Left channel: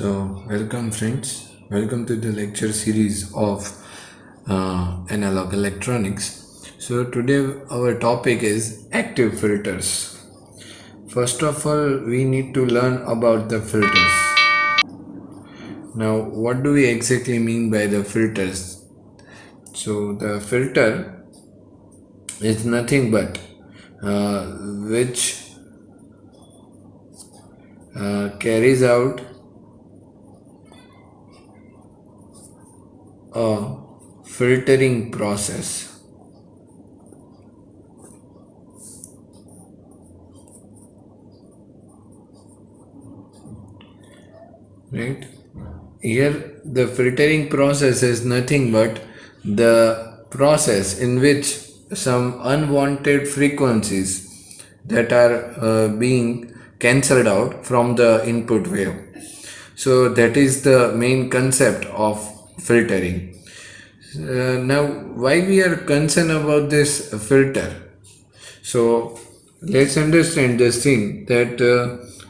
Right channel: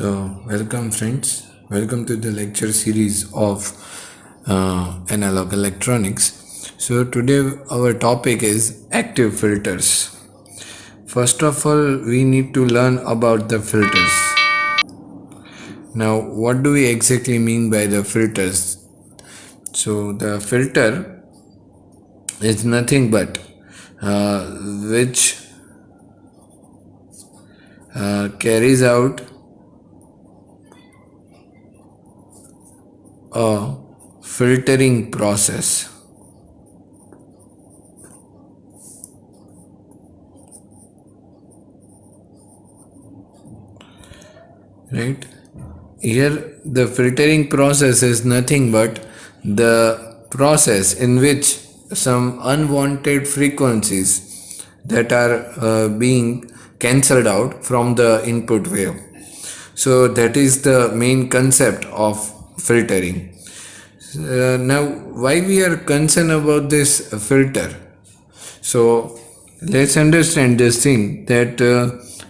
Welcome friends. Welcome to the lecture series of analog electronics. Today our topic is active filters. First of all, we need to learn about the filters. Now, what do we exactly mean by the filters? The filter is nothing but which carries out a filtering process. Right? Here, the filtering process is nothing but the process in which some unwanted frequencies that are being cancelled out from the input wave. So, that is the main concept of filtering. Now, why we are concerned about this filter? So, let's understand this thing that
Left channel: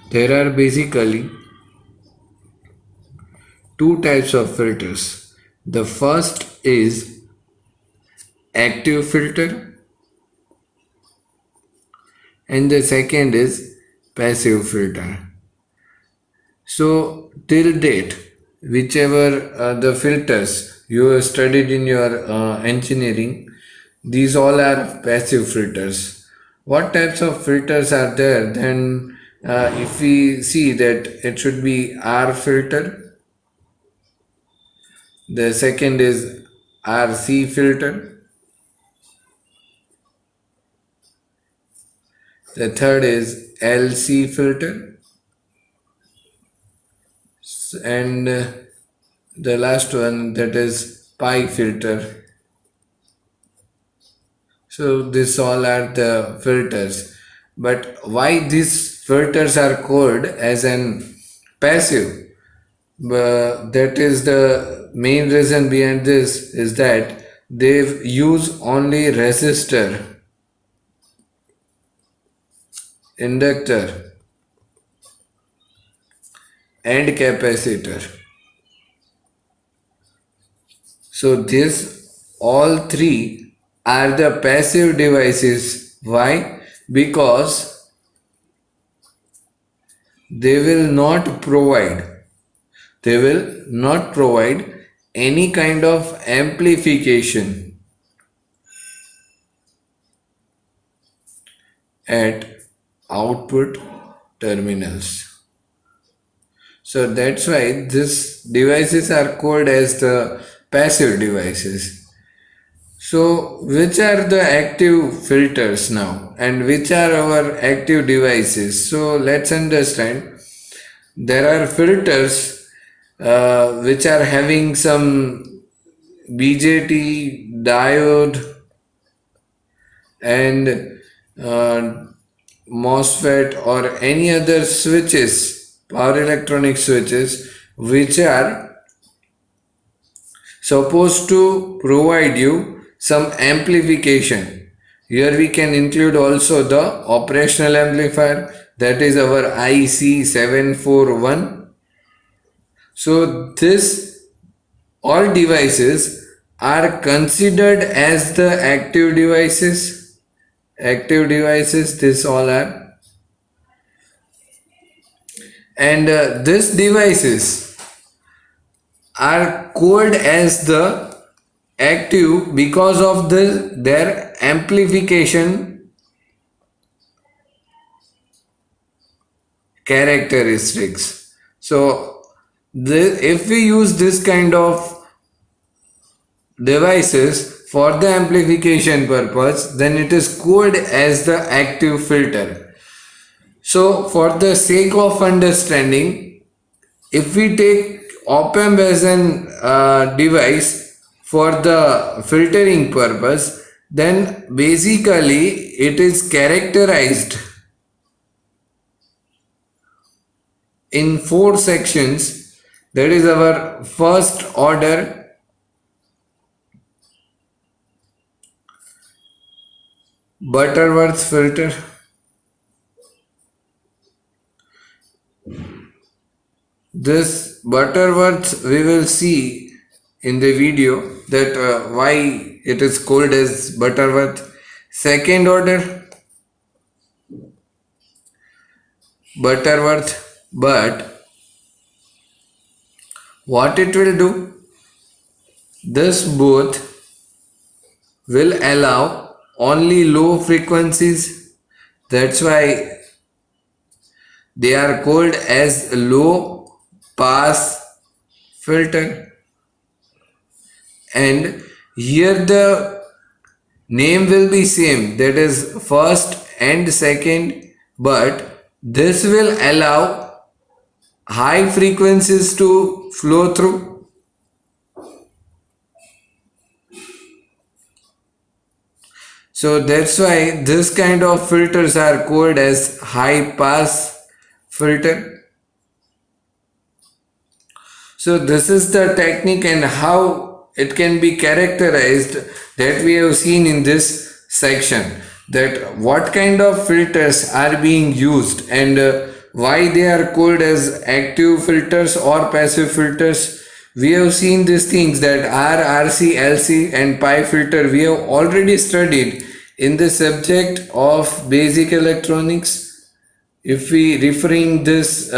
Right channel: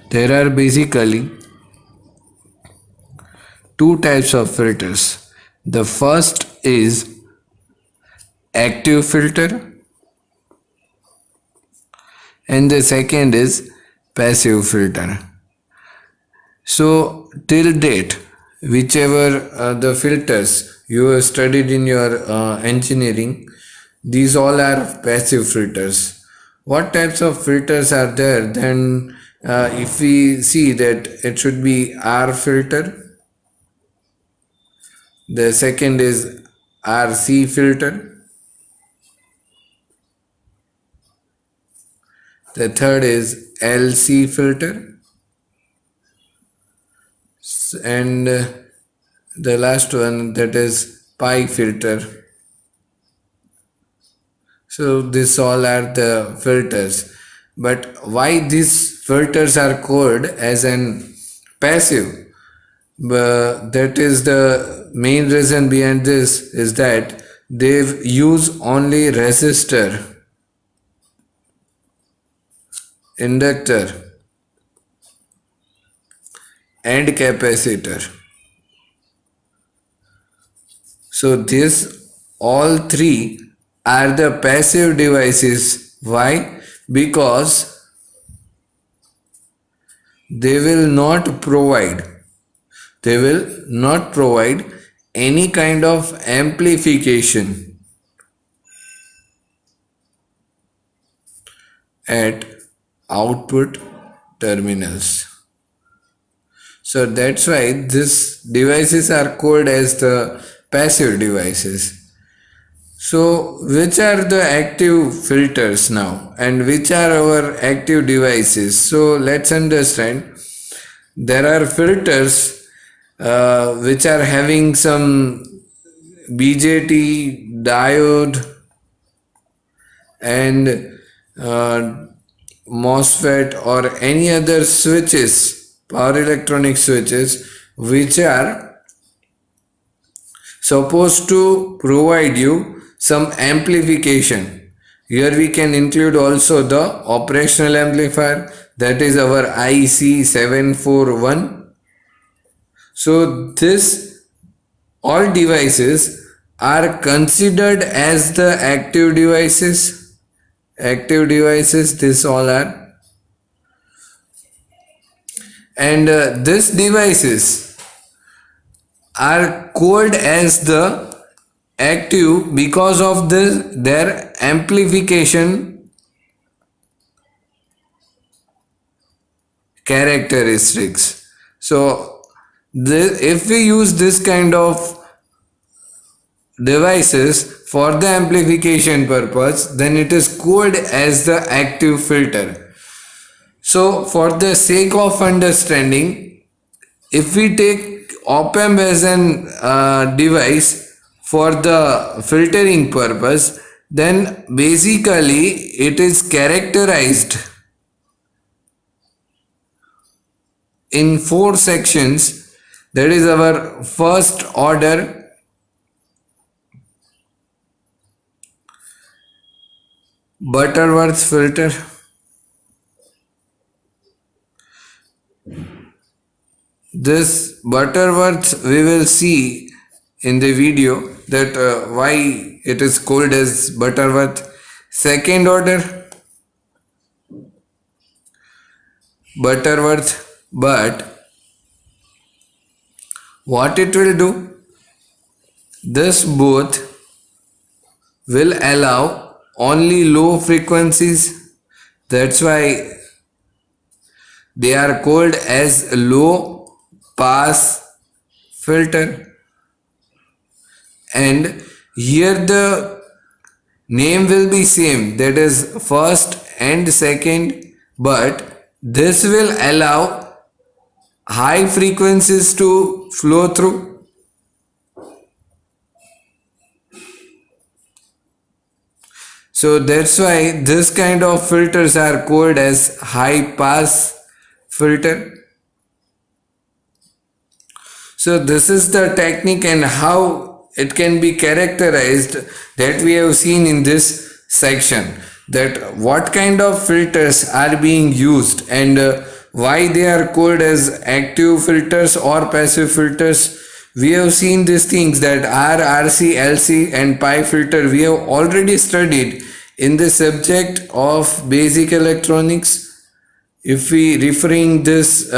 there are basically two types of filters. The first is active filter and the second is passive filter. So till date, whichever the filters you have studied in your engineering, these all are passive filters. What types of filters are there? Then if we see that it should be R filter, the second is RC filter, the third is LC filter, and the last one, that is pi filter. So this all are the filters. But why these filters are called as an passive? That is the main reason behind this is that they use only resistor, inductor and capacitor. So this all three are the passive devices. Why? Because they will not provide any kind of amplification at output terminals. So that's why these devices are called as the passive devices. So which are the active filters now and which are our active devices? So let's understand. There are filters which are having some BJT, diode and MOSFET or any other switches, power electronic switches, which are supposed to provide you some amplification. Here we can include also the operational amplifier, that is our IC741. So this all devices are considered as the active devices. Active devices, this all are. And these devices are called as the active because of their amplification characteristics. So if we use this kind of devices for the amplification purpose, then it is called as the active filter. So for the sake of understanding, if we take op-amp as an device for the filtering purpose, then basically it is characterized in four sections. That is our first order Butterworth filter, This Butterworth we will see in the video that why it is called as Butterworth. Second order Butterworth, but what it will do? This both will allow only low frequencies. That's why they are called as low pass filter. And here the name will be same, that is first and second, but this will allow high frequencies to flow through. So that's why this kind of filters are called as high pass filter. So this is the technique and how it can be characterized that we have seen in this section, that what kind of filters are being used and why they are called as active filters or passive filters. We have seen these things that R, RC, LC and pi filter we have already studied in the subject of basic electronics. If we referring this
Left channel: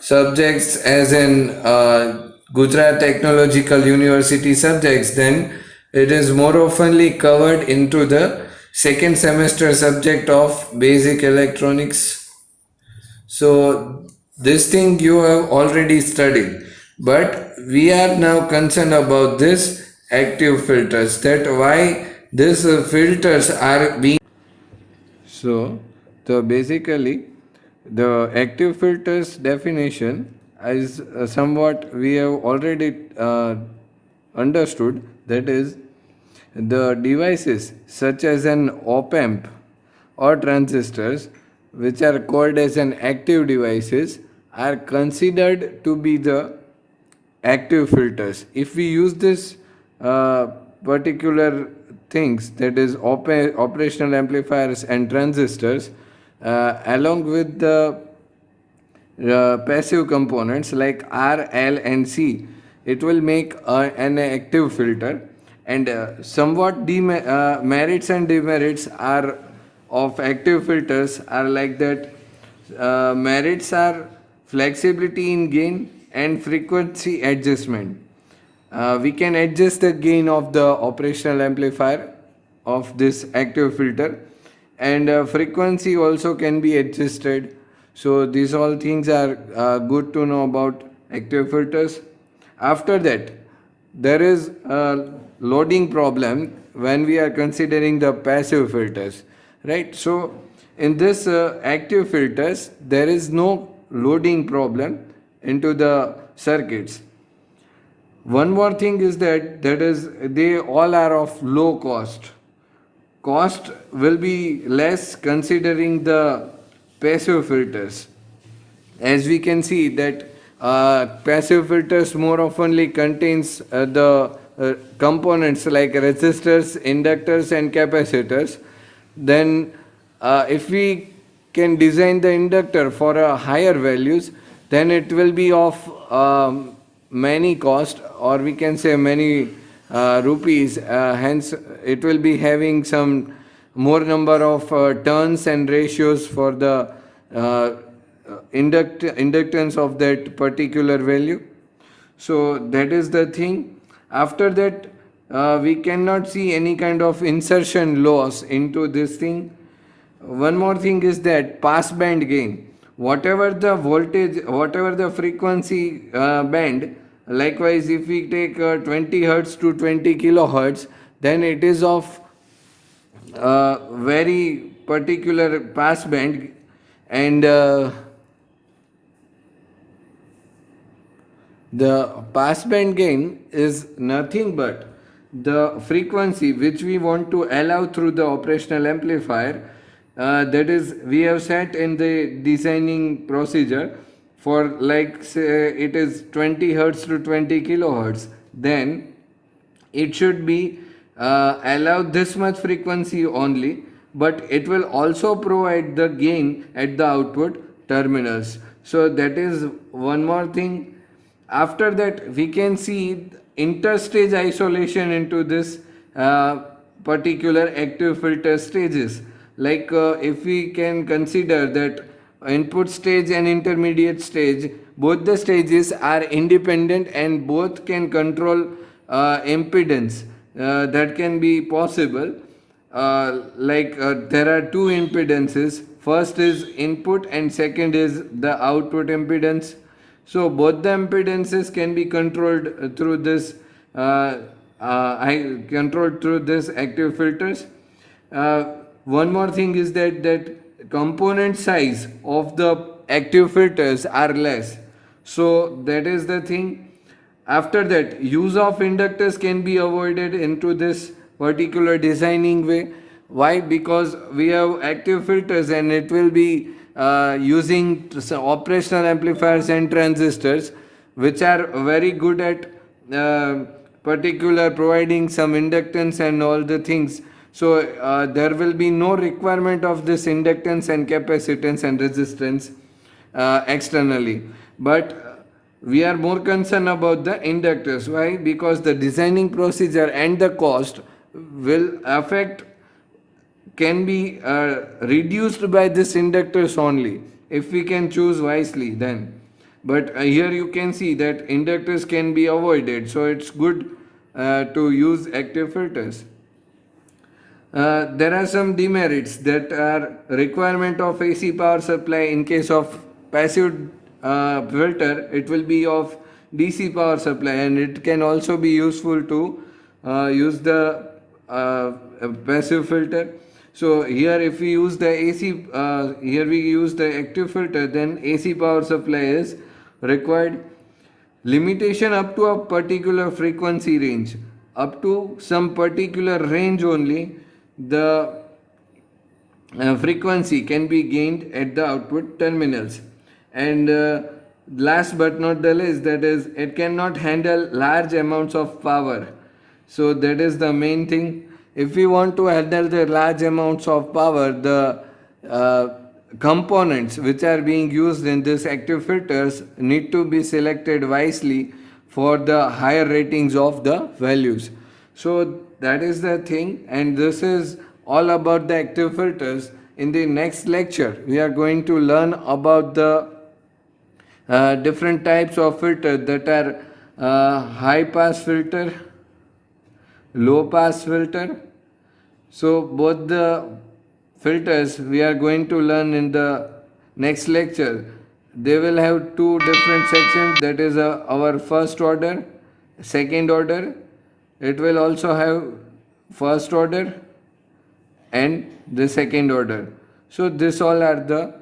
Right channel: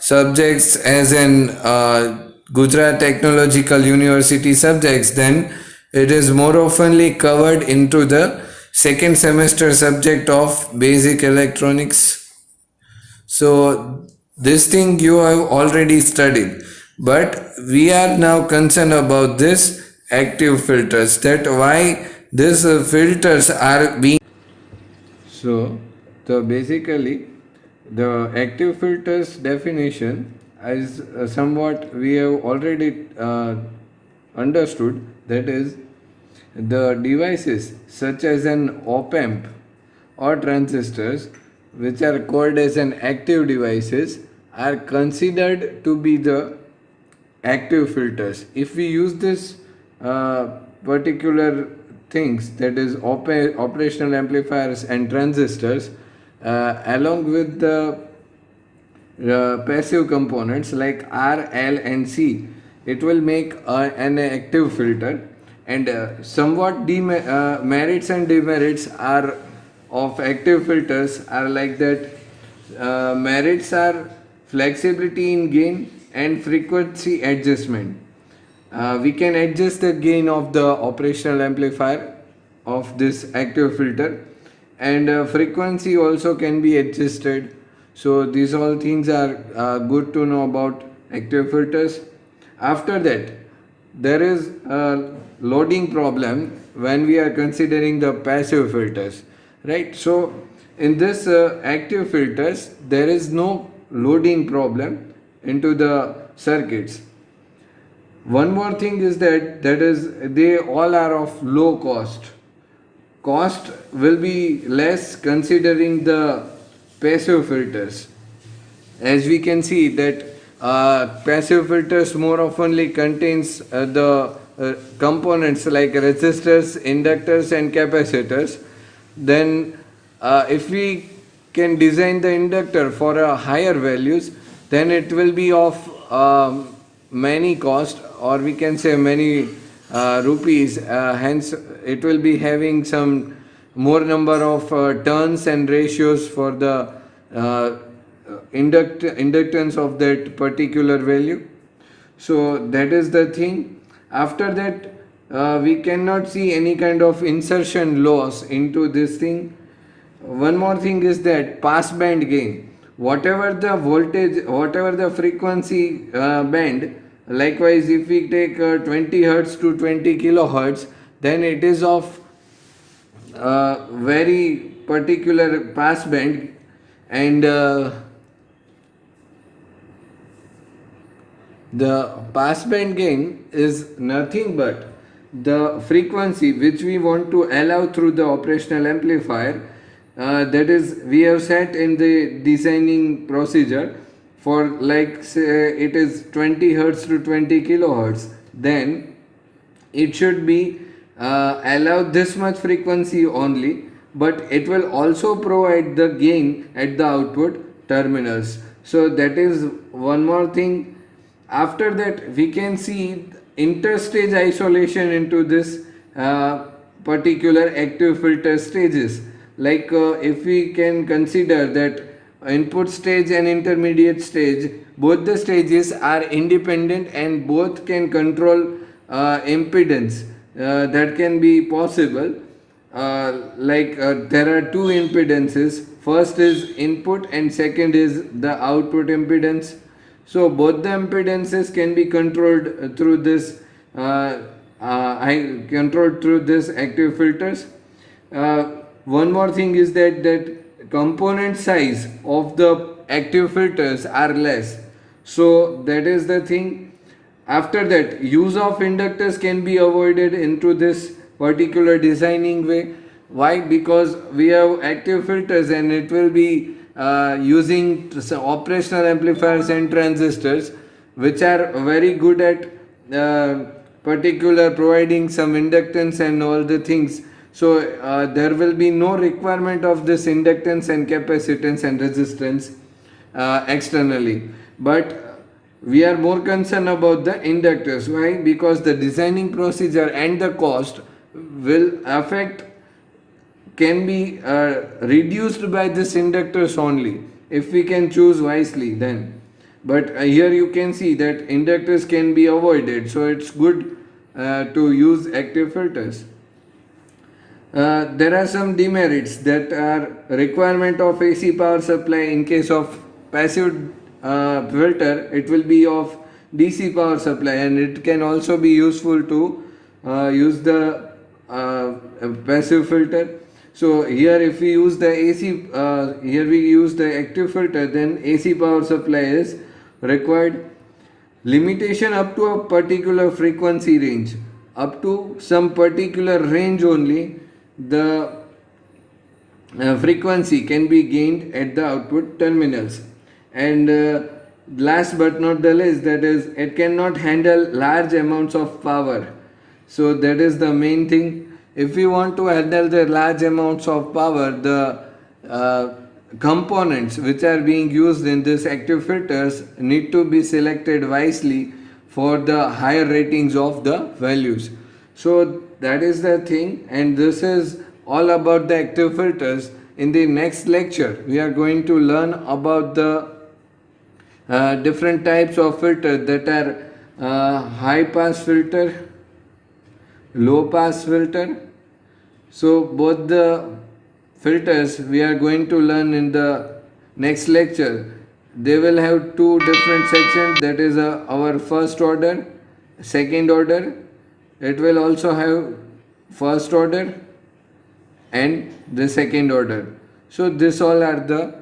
subjects as an Gujarat Technological University subjects, then it is more oftenly covered into the second semester subject of basic electronics. So this thing you have already studied, but we are now concerned about this active filters, that why these filters are being. So, basically, the active filters definition is somewhat we have already understood, that is, the devices such as an op-amp or transistors, which are called as an active devices, are considered to be the active filters. If we use this particular things, that is operational amplifiers and transistors, along with the passive components like R, L and C, it will make an active filter. And somewhat merits and demerits are of active filters are like that. Merits are flexibility in gain and frequency adjustment. We can adjust the gain of the operational amplifier of this active filter, and frequency also can be adjusted. So these all things are good to know about active filters. After that, there is a loading problem when we are considering the passive filters, right? So in this active filters, there is no loading problem into the circuits. One more thing is that is they all are of low cost. Cost will be less considering the passive filters. As we can see that passive filters more oftenly contains the components like resistors, inductors and capacitors. Then if we can design the inductor for a higher values, then it will be of many cost, or we can say many rupees, hence it will be having some more number of turns and ratios for the uh, inductance of that particular value. So that is the thing. After that, we cannot see any kind of insertion loss into this thing. One more thing is that passband gain, whatever the voltage, whatever the frequency band, likewise if we take 20 hertz to 20 kilohertz, then it is of very particular passband. And the passband gain is nothing but the frequency which we want to allow through the operational amplifier, that is we have set in the designing procedure for, like say it is 20 hertz to 20 kilohertz, then it should be allow this much frequency only, but it will also provide the gain at the output terminals. So that is one more thing. After that, we can see interstage isolation into this particular active filter stages. Like if we can consider that input stage and intermediate stage, both the stages are independent and both can control impedance. That can be possible. There are two impedances. First is input and second is the output impedance. So both the impedances can be controlled through this controlled through this active filters. One more thing is that component size of the active filters are less. So that is the thing. After that, use of inductors can be avoided into this particular designing way. Why? Because we have active filters and it will be using operational amplifiers and transistors, which are very good at particular providing some inductance and all the things. So there will be no requirement of this inductance and capacitance and resistance externally. But we are more concerned about the inductors. Why? Because the designing procedure and the cost will affect, can be reduced by this inductors only if we can choose wisely then. But here you can see that inductors can be avoided, so it's good to use active filters. There are some demerits that are requirement of AC power supply. In case of passive filter, it will be of DC power supply, and it can also be useful to use the passive filter. So here if we use the AC, here we use the active filter, then AC power supply is required. Limitation up to a particular frequency range, up to some particular range only the frequency can be gained at the output terminals. And last but not the least, that is, it cannot handle large amounts of power. So that is the main thing. If we want to handle the large amounts of power, the components which are being used in this active filters need to be selected wisely for the higher ratings of the values. So that is the thing, and this is all about the active filters. In the next lecture, we are going to learn about the different types of filter, that are high pass filter, low pass filter. So both the filters we are going to learn in the next lecture. They will have two different sections, that is our first order, second order. It will also have first order and the second order. So this all are the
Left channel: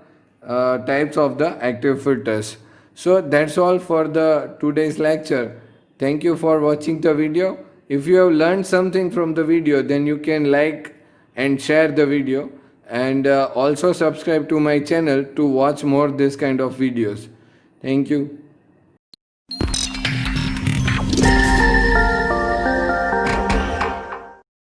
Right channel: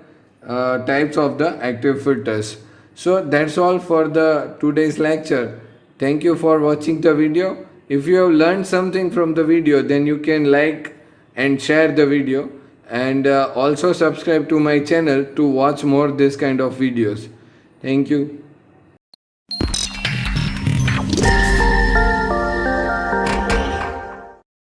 types of the active filters. So that's all for the today's lecture. Thank you for watching the video. If you have learned something from the video, then you can like and share the video, and also subscribe to my channel to watch more this kind of videos. Thank you.